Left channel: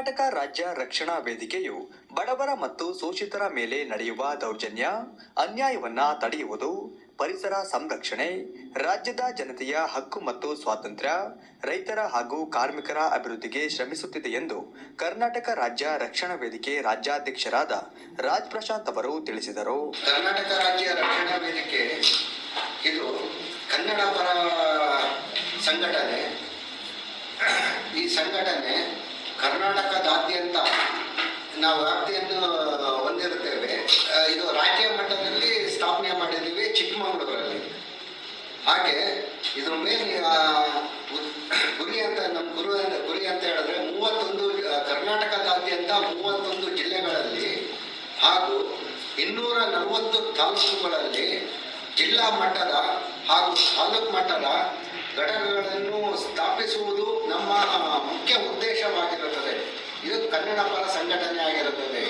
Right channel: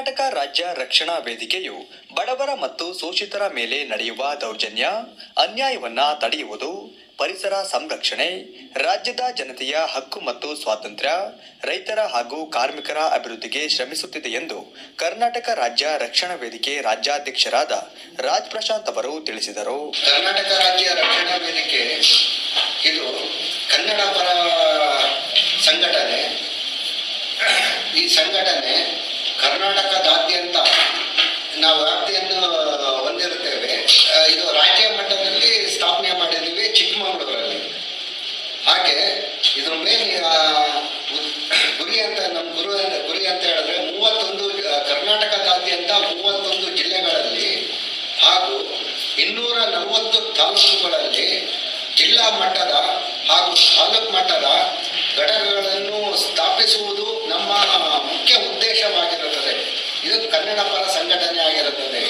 ಕರ್ನಾಟಕ ರಾಜ್ಯ ರಕ್ಷಣಾ ವೇದಿಕೆಯು ಬಡವರ ಮತ್ತು ಶೋಷಿತರ ಮೇಲೆ ನಡೆಯುವ ದೌರ್ಜನ್ಯ, ಅನ್ಯಾಯವನ್ನ ತಡೆಯುವುದು, ಪರಿಸರ ಸಂರಕ್ಷಣೆ, ರಾಜ್ಯದ ಜನತೆಯ ಹಕ್ಕು ಮತ್ತು ಸ್ವಾತಂತ್ರ್ಯ, ರೈತರ ಹಾಗೂ ಕಾರ್ಮಿಕರ ಅಭಿವೃದ್ಧಿಗೆ ಶ್ರಮಿಸುತ್ತಿದೆ ಎಂದು ಕರ್ನಾಟಕ ರಾಜ್ಯ ರಕ್ಷಣಾ ವೇದಿಕೆ ರಾಜ್ಯಾಧ್ಯಕ್ಷರಾದ ರಾಜ್ ಪ್ರಶಾಂತ್ ಅವರು ತಿಳಿಸಿದರು. ಕರ್ನಾಟಕ ರಾಜ್ಯ ರಕ್ಷಣಾ ವೇದಿಕೆ ಇದು ಕನ್ನಡ ಪರ ಸಂಘಟನೆ. ಈ ಸಂಘಟನೆ ಕರ್ನಾಟಕದಾದ್ಯಂತ ನಾವು ವ್ಯಾಪ್ತಿಯನ್ನು ಹೊಂದಿರುತ್ತೇವೆ. ಇದು ರಾಜ್ಯ ಮಟ್ಟದಲ್ಲಿ ಸ್ಥಾಪನೆ ಮಾಡಿದ್ದೀವಿ ಚಿಕ್ಕಮಗಳೂರಲ್ಲಿ. ಹಾಗೆ ಇದ್ರ ಮೇನ್ ಗುರಿ ಅಂತ ನಮ್ಮ ಗುರಿ ಅಂತ ಹೇಳಿದ್ರೆ 31 ಕರ್ನಾಟಕದಾದ್ಯಂತ 31 ಜಿಲ್ಲೆಗಳಲ್ಲಿ ಹಾಗೂ 240 ತಾಲೂಕುಗಳಲ್ಲಿ ಜಿಲ್ಲಾ ಮಟ್ಟದ ಹಾಗೂ ತಾಲೂಕು ಮಟ್ಟದ ಘಟಕಗಳನ್ನು ಸ್ಥಾಪಿಸುವುದು ನಮ್ಮ ಮುಖ್ಯ ಉದ್ದೇಶವಾಗಿರುತ್ತದೆ. ಇದು ಕನ್ನಡ ಪರ ಸಂಘಟನೆ ಆಗಿರುತ್ತದೆ.